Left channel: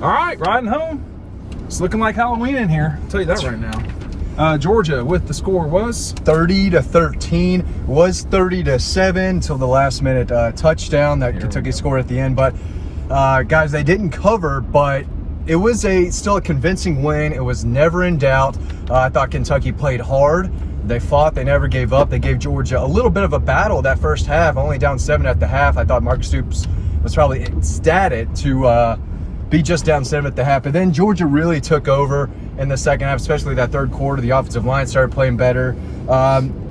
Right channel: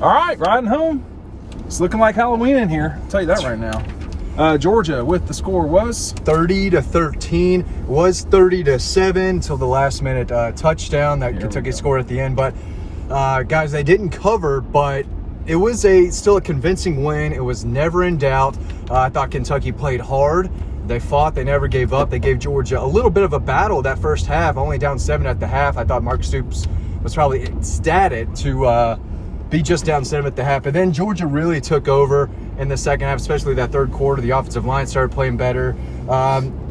All right, riding home. It's looking like Halloween in here. I'll tell you that right now. Georgia with the score was 30-13. Was 30-7 until the last minute touchdown that Kentucky scored at the end. But guys, they didn't cover, but it was still a convincing win. It was never in doubt. I thought Kentucky played hard. They fought. They never gave up. They gave Georgia a little bit of a battle that first half, only down 7 at the half. I thought Mark Stoops was probably ecstatic to be just down 7 at the half. But then Georgia really took over in the second half, especially that third quarter. The offensive line started playing better.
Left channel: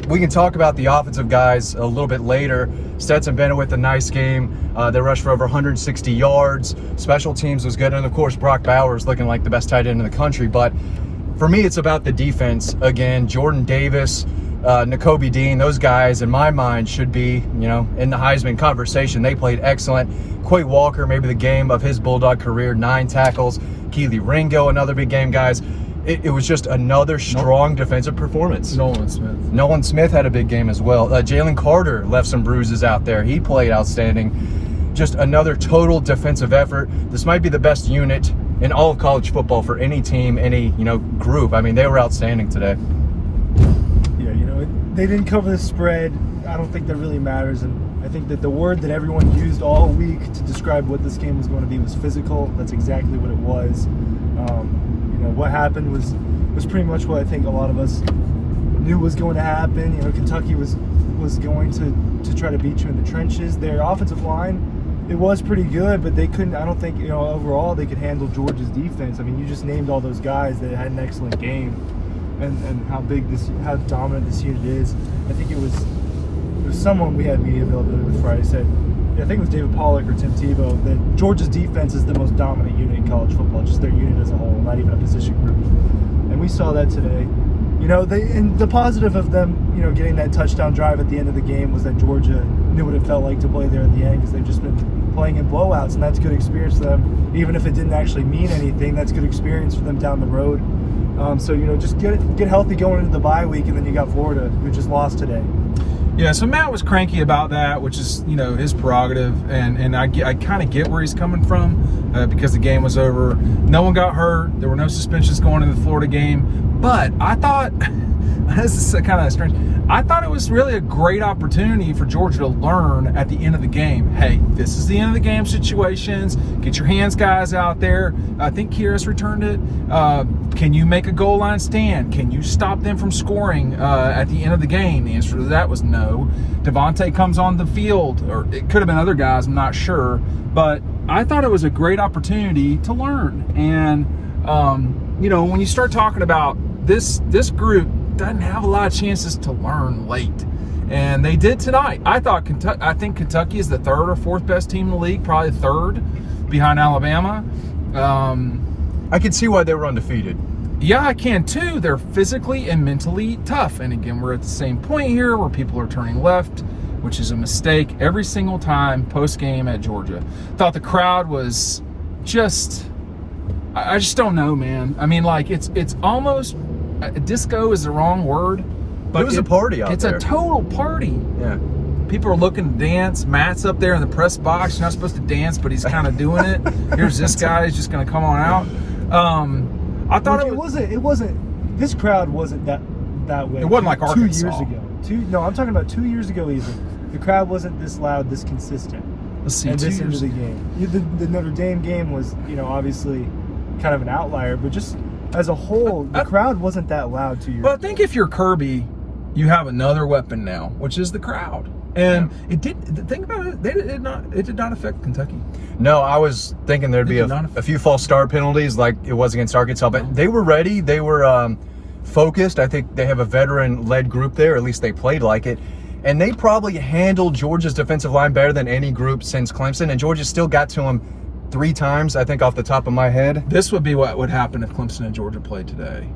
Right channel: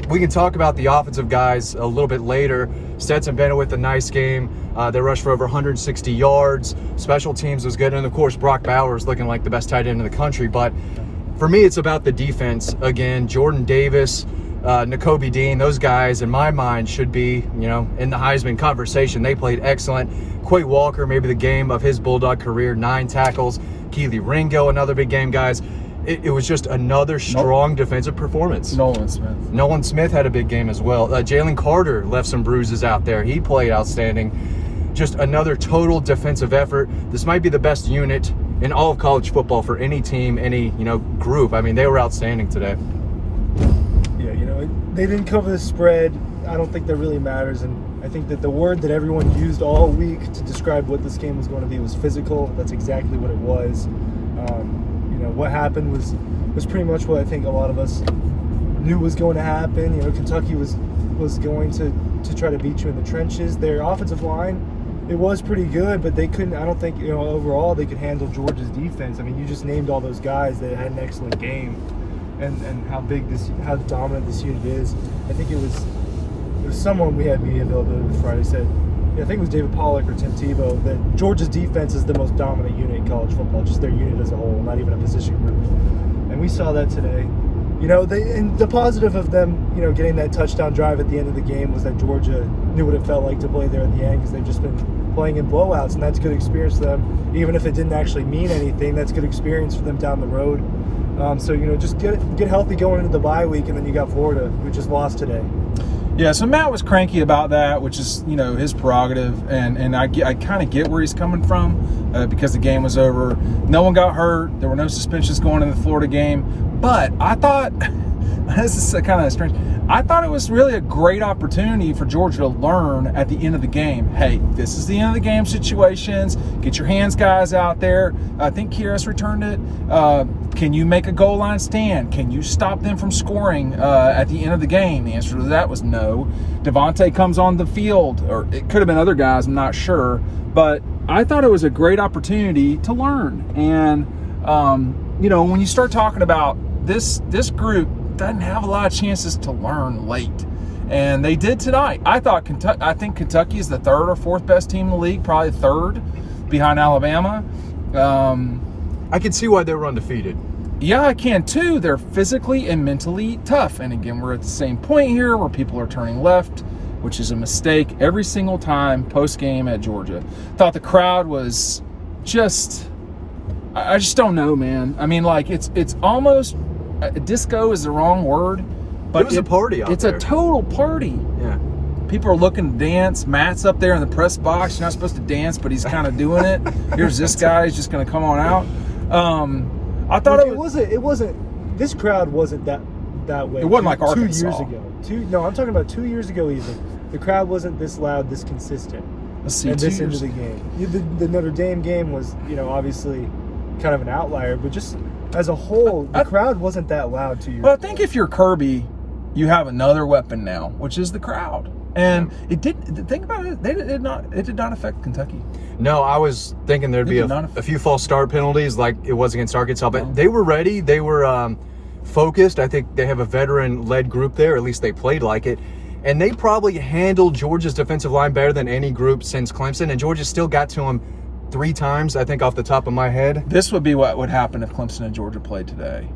We can talk about the offensive guys a little bit later. Stetson Bennett with a nice game. They rushed for over 160 yards. Special teams was good. And, of course, Brock Bowers looking like the best tight end in the country. But for me, it's about the defense. Again, Jordan Davis, Nakobe Dean, those guys, in my mind, should be, in the Heisman conversation. They played excellent. Quay Walker, maybe the game of his Bulldog career, 9 tackles. Keely Ringo, another big game, guys. It was just another strong defensive performance. Nolan Smith had a big game as well. Jalen Carter left some bruises out there. He played outstanding. Just another total defensive effort. This might be the best unit in all of college football for any team, any group. I mean, they were outstanding today. Yeah, they didn't cover the spread. I don't think that really matters. And I think that the word that everyone used all week to describe what this game was going to be was physical. That's exactly what it was. What happened was pretty much what I think a lot of us knew was going to happen. Kentucky was going to try to beat you in the trenches. Their offensive line, it was pretty good, but they couldn't. I don't think overall they could handle Georgia's defense. I mean, you just named all those guys that had an excellent game, and how dominant this unit is. I think it was someone we had media availability with Friday said, I think it was David Pollack or Tim Tebow, that Georgia's defense is the most dominant unit in college football, just their unit as a whole, not even a position group. And we saw that today. And the positive of them, getting that touchdown drive at the end of the game was that Georgia knew what it felt like to play there at the end, because they've just been playing in blowouts, and that's good experience for them. Even if it didn't actually mean anything, that's good experience for them down the road. So just get healthy going into the bye week, and then you got Florida, who just lost today. Yeah, so Matt was cranky about that, which is, his prerogative, and I kind of get where he's coming from because the game was over. No one got hurt. There were no suspensions going into the Florida game. But I thought, this is kind of strange, I thought it was really a great opportunity for Georgia to learn at the end of the game. Hey, this is the end of the game situations. Get your hands guys out there. I think Kyrus returned it. Can you make a goal line stand? Can you stop them from scoring at the end of the game? The answer to that was no. Devontae comes on the field, or it could have been other guys, I'm not sure. But I thought it was a great opportunity to learn. And, when you start talking about this group doesn't have a lot of chances to learn late. And they did tonight. I think Kentucky is the 3rd or 4th best team in the league, probably 3rd behind Alabama. I can see why they were undefeated. Yeah, I can too. They're physically and mentally tough. And again, we're at the same point here where people are turning left, which is a mistake every single time post-game at Georgia. Thought the crowd was just, I just don't know, man. I mean, it's almost, disco is the wrong word. But it was a party out there. It's a total party. Yeah. People are looking to dance. Matt's up there in the press box. You're not supposed to dance, but he's kind of doing it. Here's this guy. He's just going to come on out. I thought it wasn't. This crowd wasn't that way. It wasn't like 2 Arkansas. years ago. No, I'm talking about 2 years ago even. The crowd wasn't this loud, this consistent. Let's see, and this into the game. The Notre Dame game was, obviously kind of an outlier, but just as a whole, the crowd wasn't that loud 2 years ago. But I think if you're Kirby, you have another weapon now, which is the crowd. And it did. Think about it. It did not affect Kentucky. No, I was thinking there'd be a few false start penalties like it was against Arkansas, but they were ready. They were focused. I think they have a veteran-led group there. At least they played like it. And they probably handled Georgia's defensive line better than any group since Clemson. And Georgia still got to them 3 times, I think, off the top of my head. This would be what would happen if Clemson and Georgia played today.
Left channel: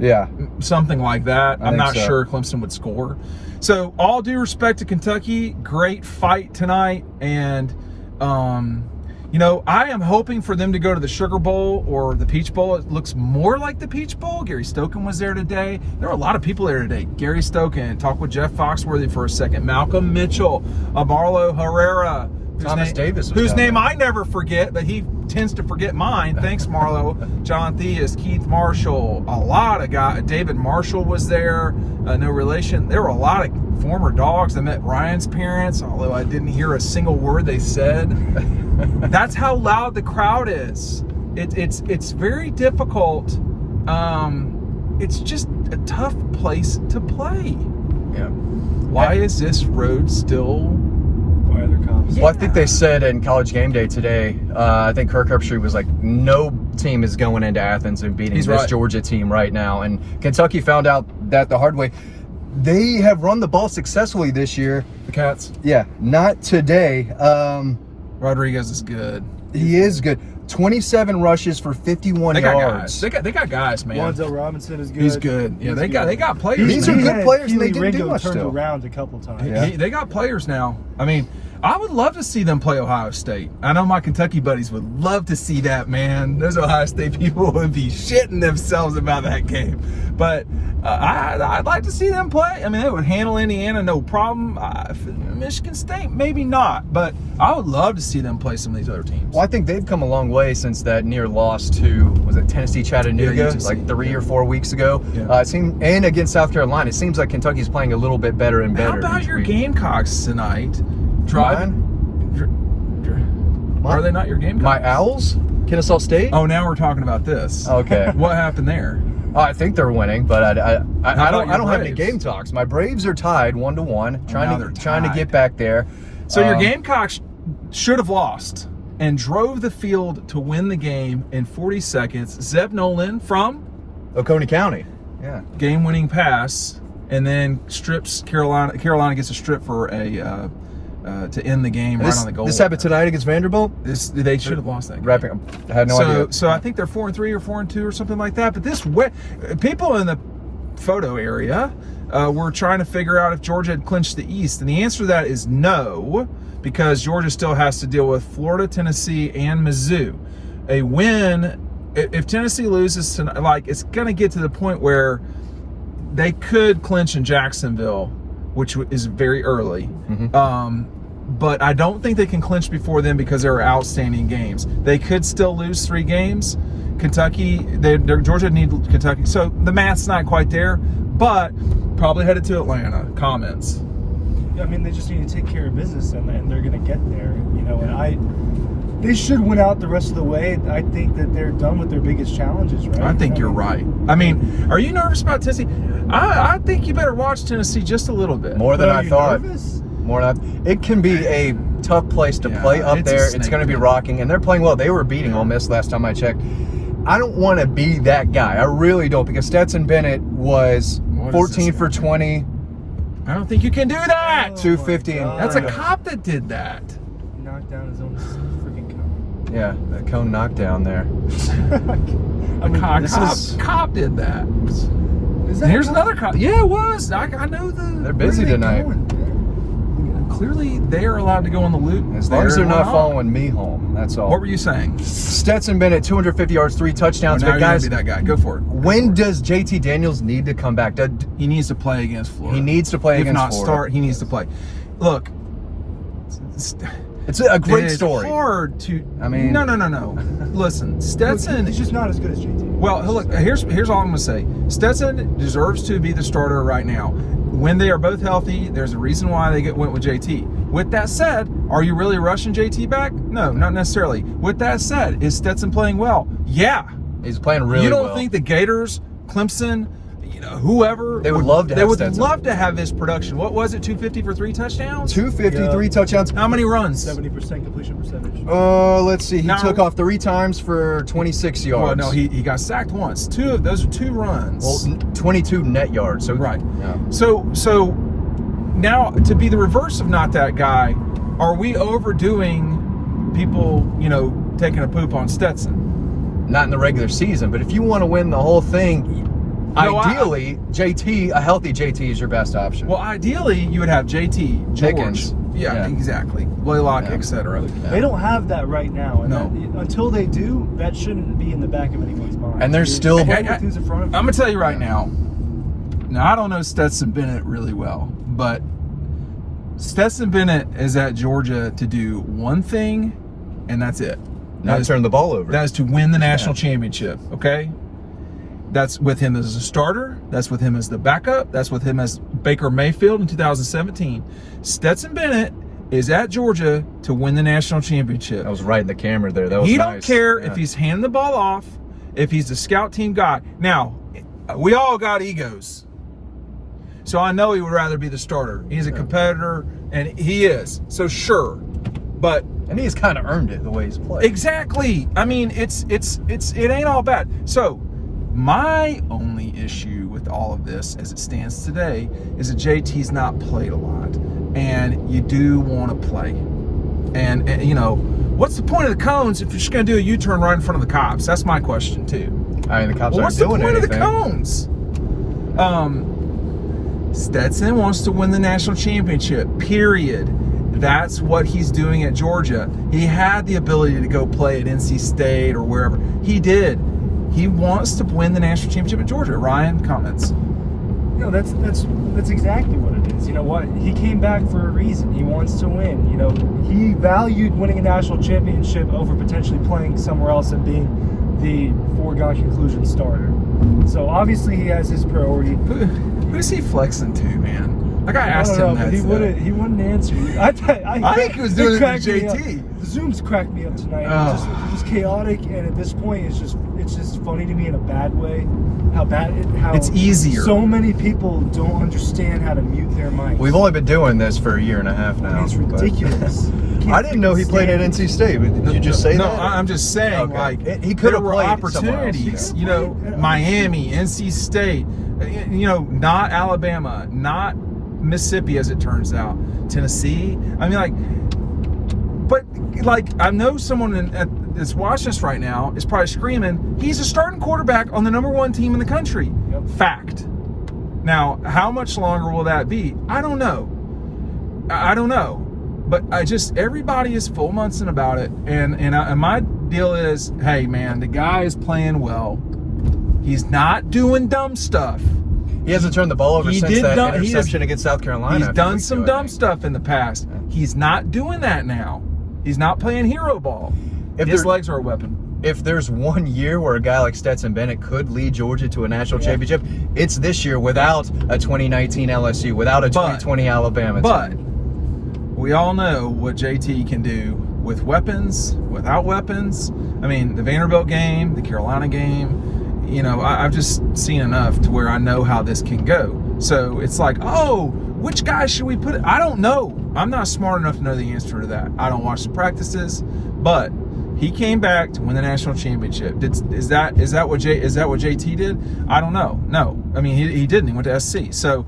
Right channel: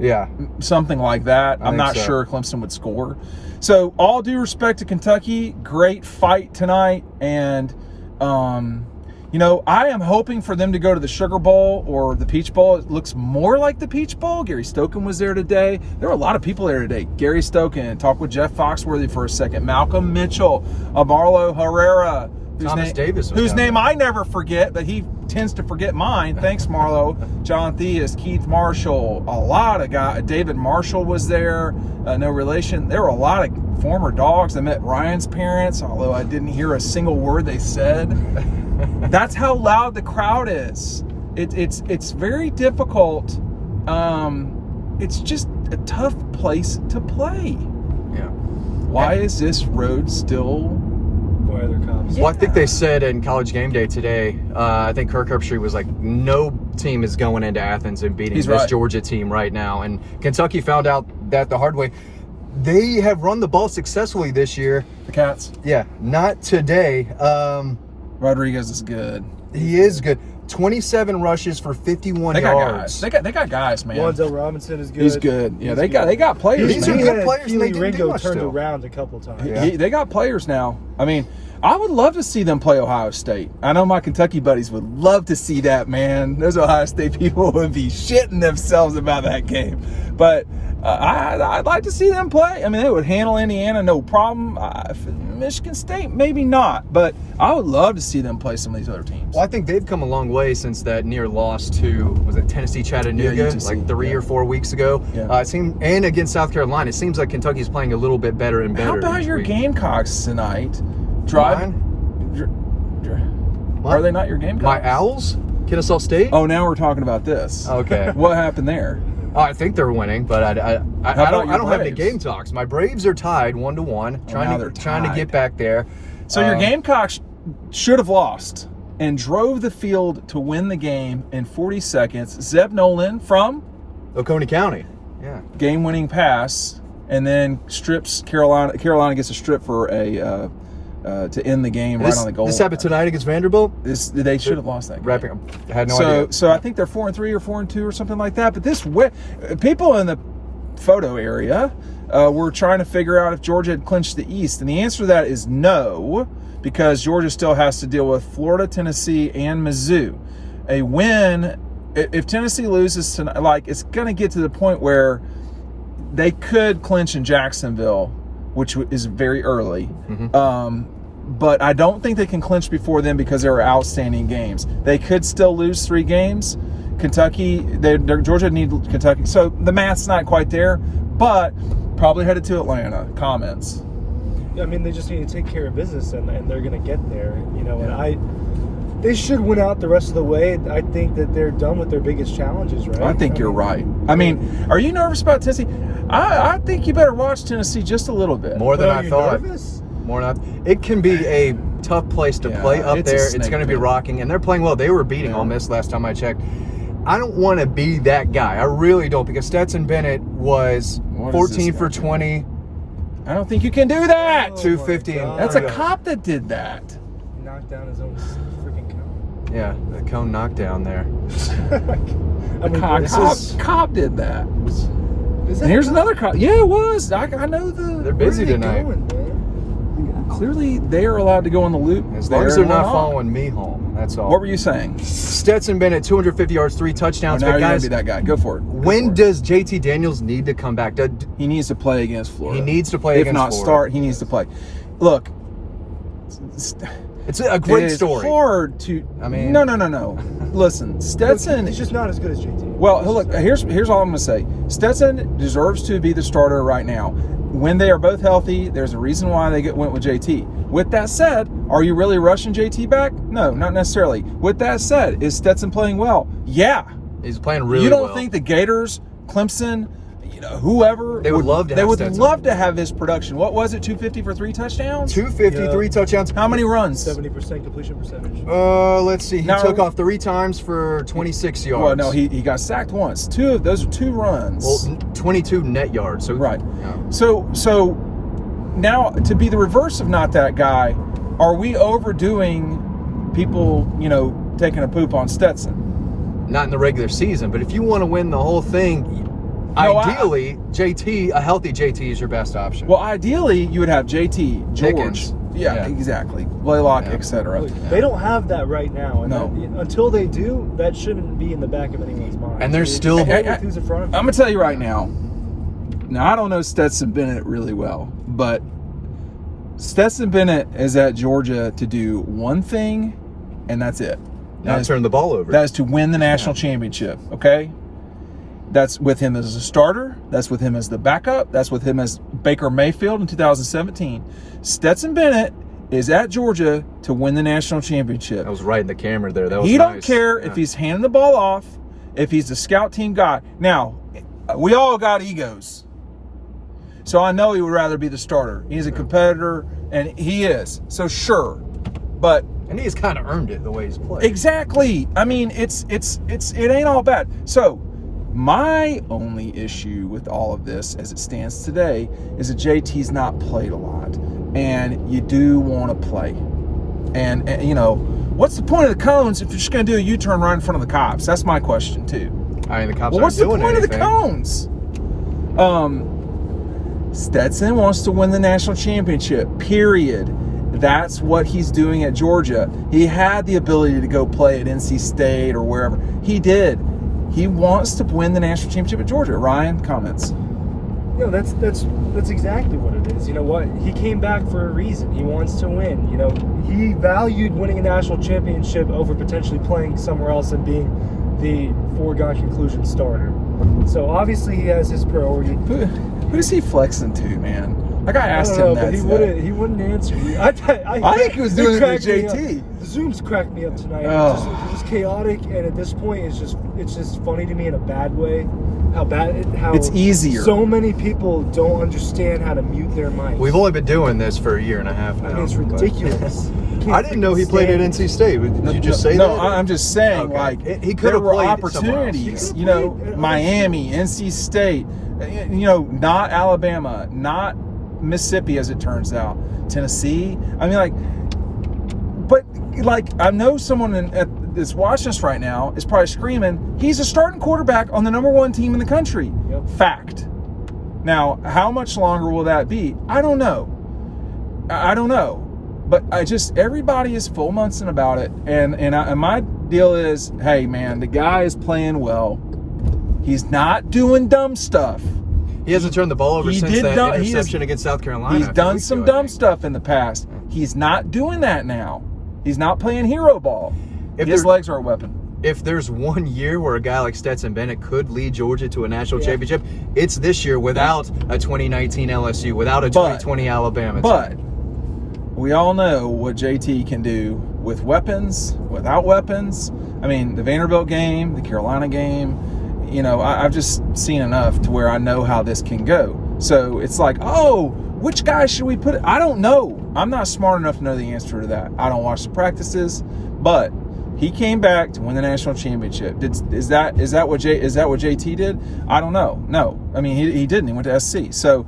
Yeah. Something like that. I'm not so. sure Clemson would score. So, all due respect to Kentucky, great fight tonight. And, I am hoping for them to go to the Sugar Bowl or the Peach Bowl. It looks more like the Peach Bowl. Gary Stokan was there today. There were a lot of people there today. Gary Stokan, talked with Jeff Foxworthy for a second. Malcolm Mitchell, Amarlo Herrera, Thomas Davis was whose down name there. I never forget, that he tends to forget mine. Thanks, Marlo. John Theus, Keith Marshall, a lot of guys. David Marshall was there. No relation. There were a lot of former dogs. I met Ryan's parents, although I didn't hear a single word they said. That's how loud the crowd is. It's very difficult. It's just a tough place to play. Yeah. Why is this road still? Why are there cops? Well, I think they said in College Game Day today, I think Kirk Herbstreit was like, no team is going into Athens and beating this Georgia team right now. And Kentucky found out that the hard way. They have run the ball successfully this year. The Cats? Yeah, not today. Rodriguez is good. He is good. 27 rushes for 51 yards. They got guys, man. Wan'Dale Robinson is good. He's good. Yeah, they got players. These are man. good players, and they Keely didn't do Ringo much turned still. around a couple times. Yeah. They got players now. I mean, I would love to see them play Ohio State. I know my Kentucky buddies would love to see that, man. Those Ohio State people would be shitting themselves about that game. But I'd like to see them play. I mean, they would handle Indiana no problem. Michigan State, maybe not. But I would love to see them play some of these other teams. Well, I think they've come a long way since that near loss to, was it Tennessee Chattanooga, like 3 or 4 weeks ago. Yeah. It seemed, and against South Carolina, it seems like Kentucky's playing a little bit better and better. How about each your week. Gamecocks tonight? Are they not your Gamecocks? My Owls? Kennesaw State? Oh, now we're talking about this. Okay. What happened there? I think they're winning, but I about don't your have any Braves? game talks. My Braves are tied 1-1, now they're trying to tied. get back there. So your Gamecocks should have lost and drove the field to win the game in 40 seconds. Zeb Nolan from Oconee County. Yeah. game-winning pass, and then strips Carolina. Carolina gets a strip for a to end the game right on the goal. This happened tonight against Vanderbilt? They should have lost that game. Wrapping up. I had no idea. So I think they're 4-3 or 4-2 or something like that. But people in the photo area were trying to figure out if Georgia had clinched the East, and the answer to that is no, because Georgia still has to deal with Florida, Tennessee, and Mizzou. A win, if Tennessee loses tonight, like, it's going to get to the point where they could clinch in Jacksonville, which is very early. Mm-hmm. But I don't think they can clinch before then because there are outstanding games. They could still lose 3 games. Kentucky, Georgia need Kentucky. So the math's not quite there, but probably headed to Atlanta. Comments? I mean, they just need to take care of business, and they're going to get there. You know, and they should win out the rest of the way. I think that they're done with their biggest challenges, right? I think you're right. I mean, are you nervous about Tennessee? I think you better watch Tennessee just a little bit. More than Are I you thought. nervous? More than it can be a tough place to play up it's a there. It's snake going to be pit. rocking, and they're playing well. They were beating Ole Miss last time I checked. I don't want to be that guy. I really don't, because Stetson Bennett was What is 14 this for guy? 20, I don't think you can do that. 250. my God. That's a cop that did that. He knocked down his own freaking cone. Yeah, that cone knockdown there. I mean, Cop did that. is And here's a cop? another cop. Yeah, it was. I know the. They're Where are busy they tonight. going, man? Clearly, they are allowed to go on the loop. As long as they're not What following me home, that's all. were you saying? Stetson Bennett, 250 yards, 3 touchdowns. Now But you're gonna guys, be that guy. Go for it. when does JT Daniels need to come back? He needs to play against Florida. He needs to play if against not Florida. start, he needs to play. Look, It's a great it is story. hard to. I mean- no. Listen, Stetson. He's just not as good as JT. Well, look. Here's all I'm gonna say. Stetson deserves to be the starter right now. When they are both healthy, there's a reason why they went with JT. With that said, are you really rushing JT back? No, not necessarily. With that said, is Stetson playing well? Yeah. He's playing really You don't well. think the Gators, Clemson, whoever They would love to they have would Stetson. love to have his production. What was it? 250 for 3 touchdowns? 253 Yeah. touchdowns. How many runs? 70% completion percentage. Let's see. He No. took off 3 times for 26 yards. Well, no, he got sacked once. Those are 2 runs. Well, 22 net yards. So Right. Yeah. So now, to be the reverse of not that guy, are we overdoing people, taking a poop on Stetson? Not in the regular season, but if you want to win the whole thing, No, ideally, a healthy JT is your best option. Well, ideally, you would have JT, George. Pickens. Yeah, Yeah. exactly. Blaylock, Yeah. etc. They don't have that right now. And No. until they do, that shouldn't be in the back of anyone's mind. And there's still- Just go with who's in front of you. I'm gonna tell you right now. Now I don't know Stetson Bennett really well, but Stetson Bennett is at Georgia to do one thing, and that's it. Not turn the ball over. That is to win the national championship, okay? That's with him as a starter. That's with him as the backup. That's with him as Baker Mayfield in 2017. Stetson Bennett is at Georgia to win the national championship. I was right in the camera there. That was He nice. don't care if he's handing the ball off, if he's the scout team guy. Now, we all got egos. So I know he would rather be the starter. He's a competitor, and he is. So sure. But And he's kind of earned it the way he's played. exactly. I mean, it ain't all bad. So my only issue with all of this as it stands today is that JT's not played a lot. And you do want to play. And you know, what's the point of the cones if you're just going to do a U-turn right in front of the cops? That's my question too. I mean, the cops Well, what's aren't the doing point anything. of the cones? Stetson wants to win the national championship, period. That's what he's doing at Georgia. He had the ability to go play at NC State or wherever. He did. He wants to win the national championship at Georgia. Ryan, comments? You know, that's exactly what it is. You know what? He came back for a reason. He wants to win. You know, he valued winning a national championship over potentially playing somewhere else and being the foregone conclusion starter. So obviously he has his priority. Who's he flexing to, man? Like I asked I don't him know, that. but he wouldn't answer me. I think he was doing it cracked with me up. JT. The Zooms cracked me up tonight. Ugh. It's chaotic, and at this point, it's just funny to me in a bad way. How It's easier. So many people don't understand how to mute their mics. We've only been doing this for a year and a half now. I mean, it's but- ridiculous. I didn't know he played at NC State. Did you just say no, that? I'm just saying, Okay. like, He could there have were played somewhere else. opportunities. He You could have know, played at Miami, NC State, you know, not Alabama, not Mississippi, as it turns out, Tennessee. I mean, like, but like, I know someone that's watching us right now is probably screaming, he's a starting quarterback on the #1 team in the country. Yep. Fact. Now, how much longer will that be? I don't know. I don't know. But everybody is full Munson about it. And my deal is, hey, man, the guy is playing well. He's not doing dumb stuff. He hasn't turned the ball over He since did that dumb- he interception against South Carolina. He's a few done weeks some ago, I dumb think. stuff in the past. He's not doing that now. He's not playing hero ball. If His there- legs are a weapon. If there's one year where a guy like Stetson Bennett could lead Georgia to a national Yeah. championship, it's this year without a 2019 LSU, without a 2020 Alabama. But we all know what JT can do with weapons, without weapons. I mean, the Vanderbilt game, the Carolina game, you know, I've just seen enough to where I know how this can go. So it's like, oh, which guy should we put? I don't know. I'm not smart enough to know the answer to that. I don't watch the practices, but he came back to win the national championship. Is that what JT did? I don't know. No, I mean he didn't. He went to SC. So,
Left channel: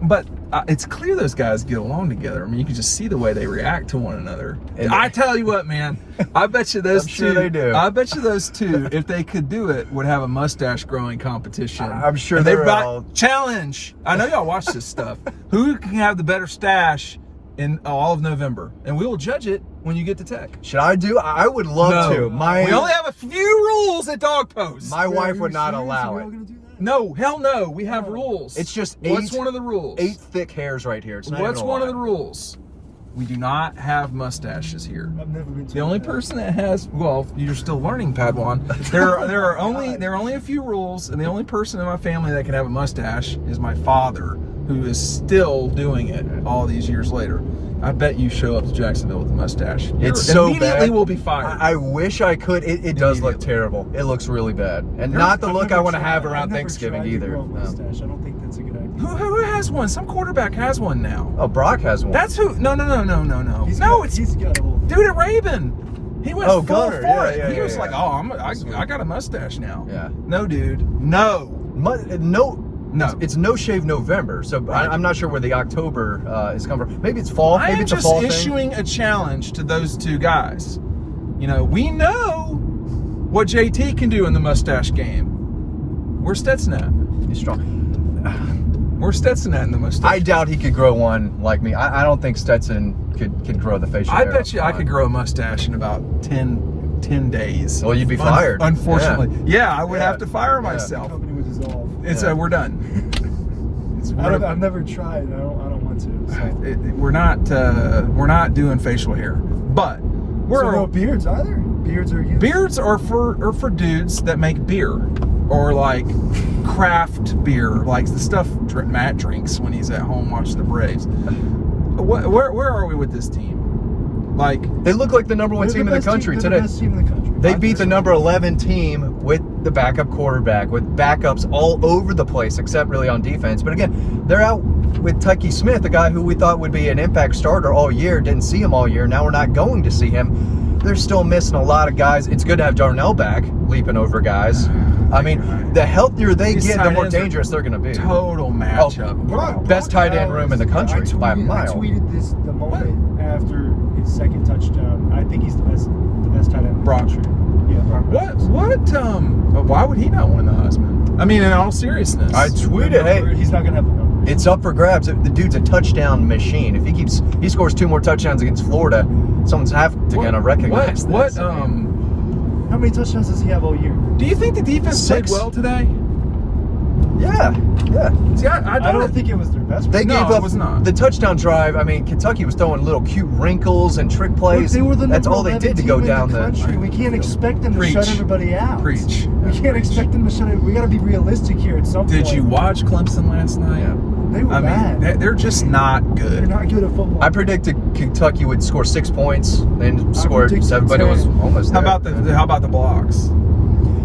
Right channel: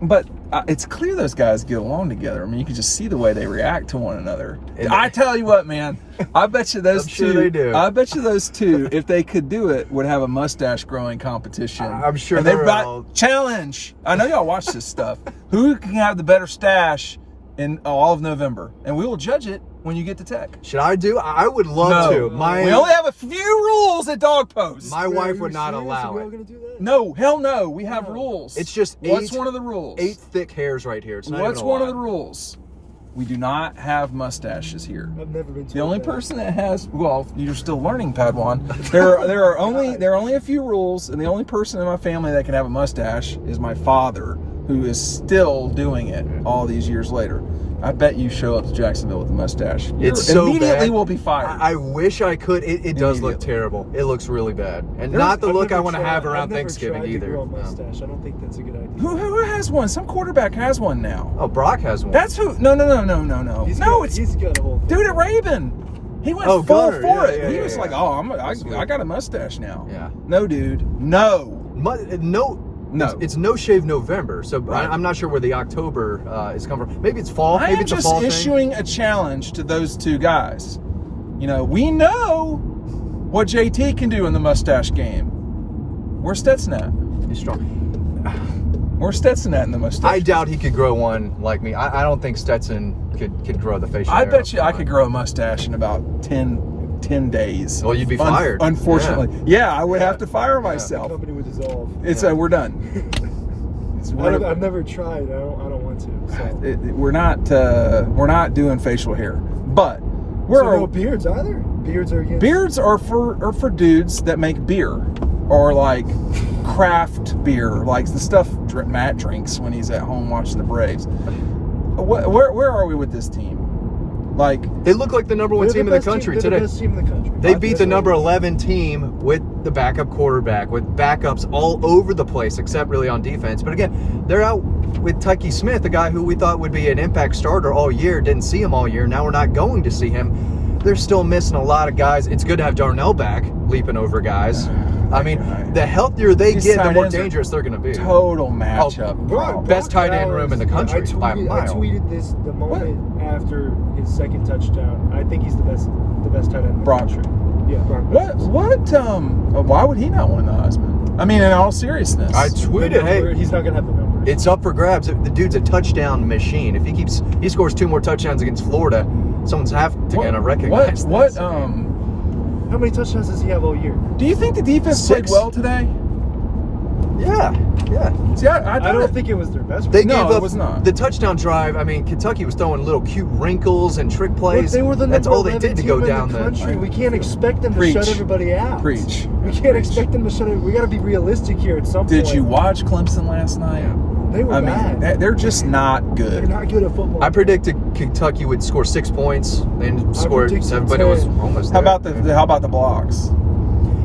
but it's clear those guys get along together. I mean, you can just see the way they react to one another. And I tell you what, man, I bet you those I'm two. sure they do. I bet you those two, if they could do it, would have a mustache growing competition. I'm sure And they're they've got all- challenge. I know y'all watch this stuff. Who can have the better stash in all of November? And we will judge it when you get to Tech. should I do? I would love No. to. We only have a few rules at Dog Post. My wife would Are you not serious? allow Are we all it. gonna do that? No, hell no. We have rules. It's just What's eight- one of the rules? 8 thick hairs right here. It's not What's even a one lot. of the rules? We do not have mustaches here. I've never been told The only that. person that has, well, you're still learning, Padawan. There are only a few rules, and the only person in my family that can have a mustache is my father, who is still doing it all these years later. I bet you show up to Jacksonville with a mustache. It's so immediately bad. will be fired. I wish I could. It does look Immediately. terrible. It looks really bad, and There's- not the I've look I never want to have tried- around I've never Thanksgiving tried to either. grow a No. mustache. I don't think that's a good idea. Who has one? Some quarterback has one now. Oh, Brock has one. That's who. No. He's got a whole thing. Dude at Raven. He went full Gunner. for Yeah, it. yeah, he yeah, was yeah. like, "Oh, I got a mustache now." Yeah. No, dude. No. No. No. It's no shave November, so I'm not sure where the October is coming from. Maybe it's fall. I Maybe am it's a just fall thing. issuing a challenge to those two guys. You know, we know what JT can do in the mustache game. Where's Stetson at? He's strong. Where's Stetson at in the mustache? I doubt he could grow one like me. I don't think Stetson could grow the facial I hair. bet you I could grow a mustache in about 10 days. Well, you'd be fired. Unfortunately. Yeah, I would have to fire The myself. company would dissolve. It's Yeah. we're done. I've never tried. I don't want to. So. We're not doing facial hair, but we're so no beards either. Beards are for dudes that make beer or like craft beer, like the stuff Matt drinks when he's at home watching the Braves. Where are we with this team? Like they look like the number one team in the country today. The best team in the country. They beat the number 11 team with the backup quarterback, with backups all over the place, except really on defense. But again, they're out with Tucky Smith, the guy who we thought would be an impact starter all year. Didn't see him all year. Now we're not going to see him. They're still missing a lot of guys. It's good to have Darnell back, leaping over guys. I mean, the healthier they get, the more dangerous they're going to be. Total matchup. Best tight end room in the country by a mile. I tweeted this the moment after his second touchdown. I think he's the best tight end in the country. Yeah, Brock. Why would he not win the Heisman? I mean, in all seriousness. I tweeted, hey, he's not going to have the numbers. It's up for grabs. The dude's a touchdown machine. If he scores 2 more touchdowns against Florida, someone's have to kind of recognize this. How many touchdowns does he have all year? Do you think the defense played well today? Yeah. See, I don't think it was their best. They gave up was not. the touchdown drive. I mean, Kentucky was throwing little cute wrinkles and trick plays. But they were the That's all they did to go down the country. We can't expect them to shut everybody out. Preach. We can't expect them to shut it. We got to be realistic here at some point. Did you watch Clemson last night? Yeah. They were bad. They're just not good. They're not good at football. I predicted Kentucky would score 6 points. They scored 7, but it was almost there. How about the blocks?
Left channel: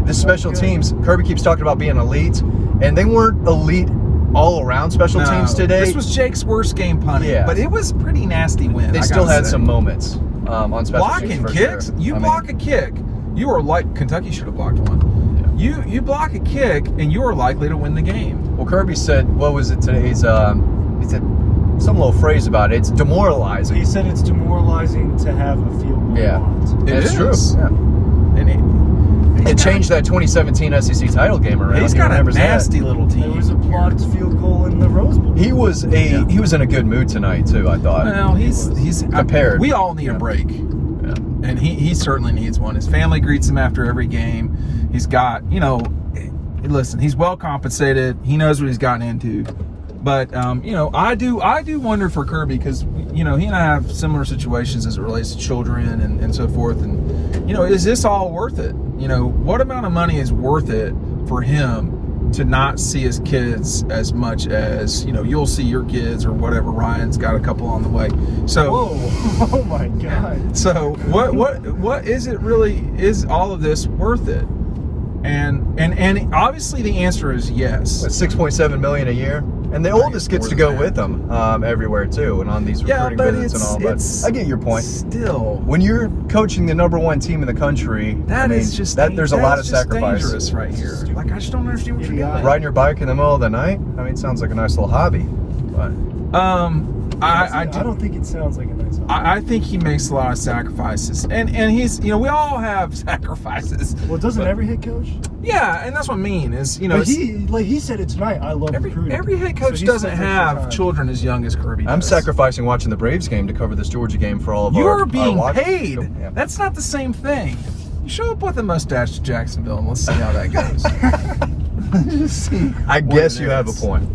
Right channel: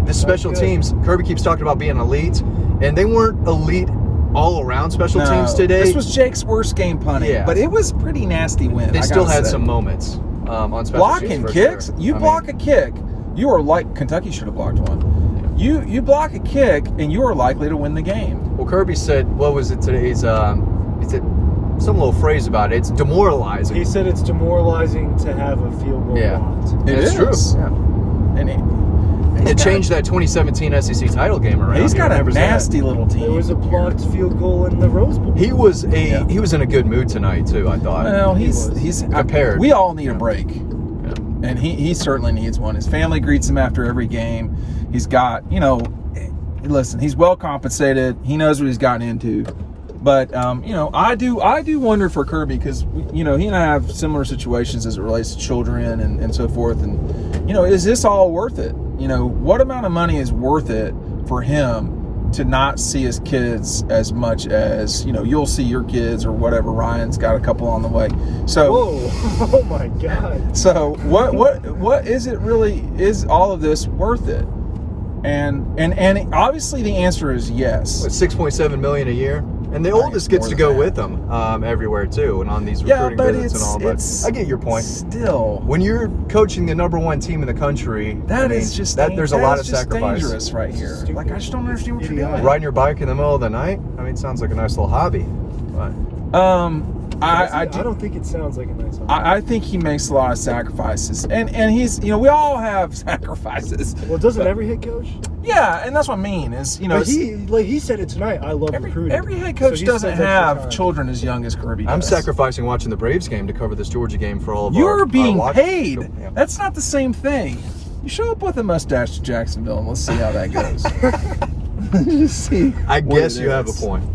The special teams, Kirby keeps talking about being elite, and they weren't elite all around special teams today. This was Jake's worst game punting, but it was a pretty nasty win. They still had some moments on special blocking teams. Kicks. Sure. You block a kick, you are like Kentucky should have blocked one. Yeah. You block a kick, and you are likely to win the game. Well, Kirby said, what was it today? He said some little phrase about it. It's demoralizing. He said it's demoralizing to have a field goal blocked. It is true. Yeah. It changed that 2017 SEC title game around. He's got a nasty little team. There was a blocked field goal in the Rose Bowl. He was in a good mood tonight too, I thought. Well, he's compared. We all need a break. Yeah. And he certainly needs one. His family greets him after every game. He's got, listen, he's well compensated. He knows what he's gotten into. But I do wonder for Kirby because he and I have similar situations as it relates to children and so forth. And is this all worth it? What amount of money is worth it for him to not see his kids as much as you'll see your kids or whatever? Ryan's got a couple on the way. So whoa, oh my God. So what is it really? Is all of this worth it? And obviously the answer is yes. $6.7 million a year. And the oldest gets to go with them everywhere too, and on these recruiting visits and all. But I get your point. Still, when you're coaching the number 1 team in the country, there's a lot of sacrifice. Dangerous right here. Like I just don't understand what you're doing. Riding your bike in the middle of the night. I mean, it sounds like a nice little hobby. But I don't think it sounds like a nice hobby. I think he makes a lot of sacrifices, and he's we all have sacrifices. Well, doesn't every head coach? Yeah, and that's what I mean is he said it tonight. I love recruiting. Every head coach doesn't have children as young as Kirby does. I'm sacrificing watching the Braves game to cover this Georgia game for all of You're our being paid. Yeah. That's not the same thing. You show up with a mustache to Jacksonville and let's see how that goes. See. I guess you have a point.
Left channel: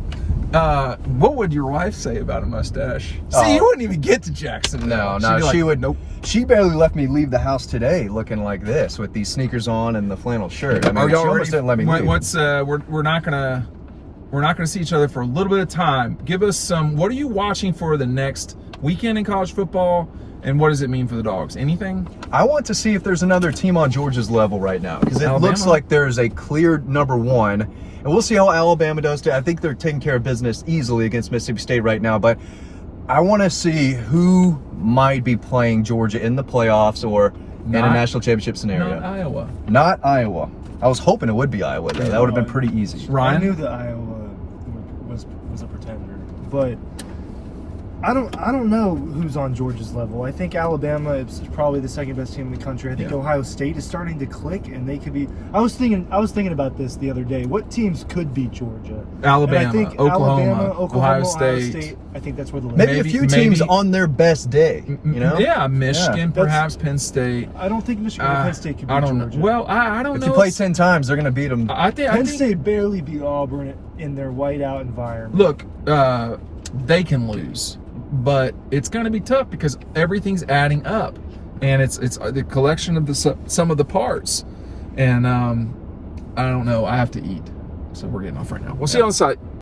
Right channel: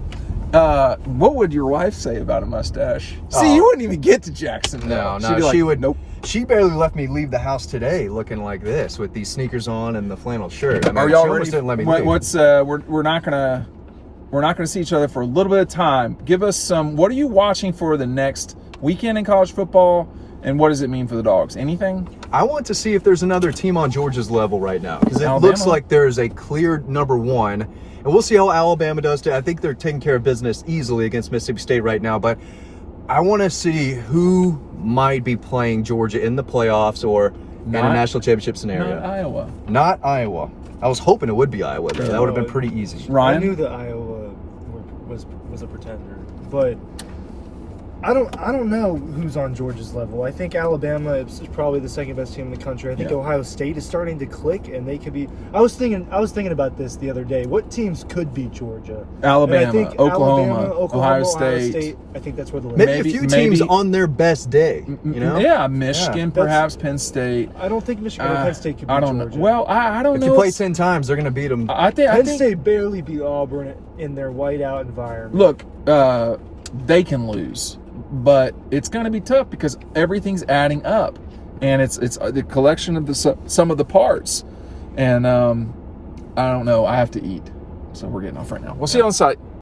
What would your wife say about a mustache? See, you wouldn't even get to Jacksonville. No, she would. Nope. She barely leave the house today looking like this with these sneakers on and the flannel shirt. I mean, she almost didn't let me. We're not gonna see each other for a little bit of time. Give us some. What are you watching for the next weekend in college football? And what does it mean for the Dogs? Anything? I want to see if there's another team on Georgia's level right now because it looks like there is a clear number 1. And we'll see how Alabama does too. I think they're taking care of business easily against Mississippi State right now. But I want to see who might be playing Georgia in the playoffs or in a national championship scenario. Not Iowa. Not Iowa. I was hoping it would be Iowa, though. That would have been pretty easy. I knew that Iowa was a pretender. But I don't know who's on Georgia's level. I think Alabama is probably the second best team in the country. I think Ohio State is starting to click, and they could be. I was thinking about this the other day. What teams could beat Georgia? Alabama, And I think Oklahoma, Ohio State. State. I think that's where the Maybe limit a is. few teams on their best day. You know? Yeah, Michigan, Yeah. perhaps Penn State. I don't think Michigan or Penn State could beat I don't Georgia. know. Well, I don't know. If you play 10 times, they're going to beat them. I think Penn State barely beat Auburn in their whiteout environment. Look, they can lose, but it's going to be tough because everything's adding up, and it's the collection of the sum of the parts. And I don't know. I have to eat, so we're getting off right now. We'll see you on site.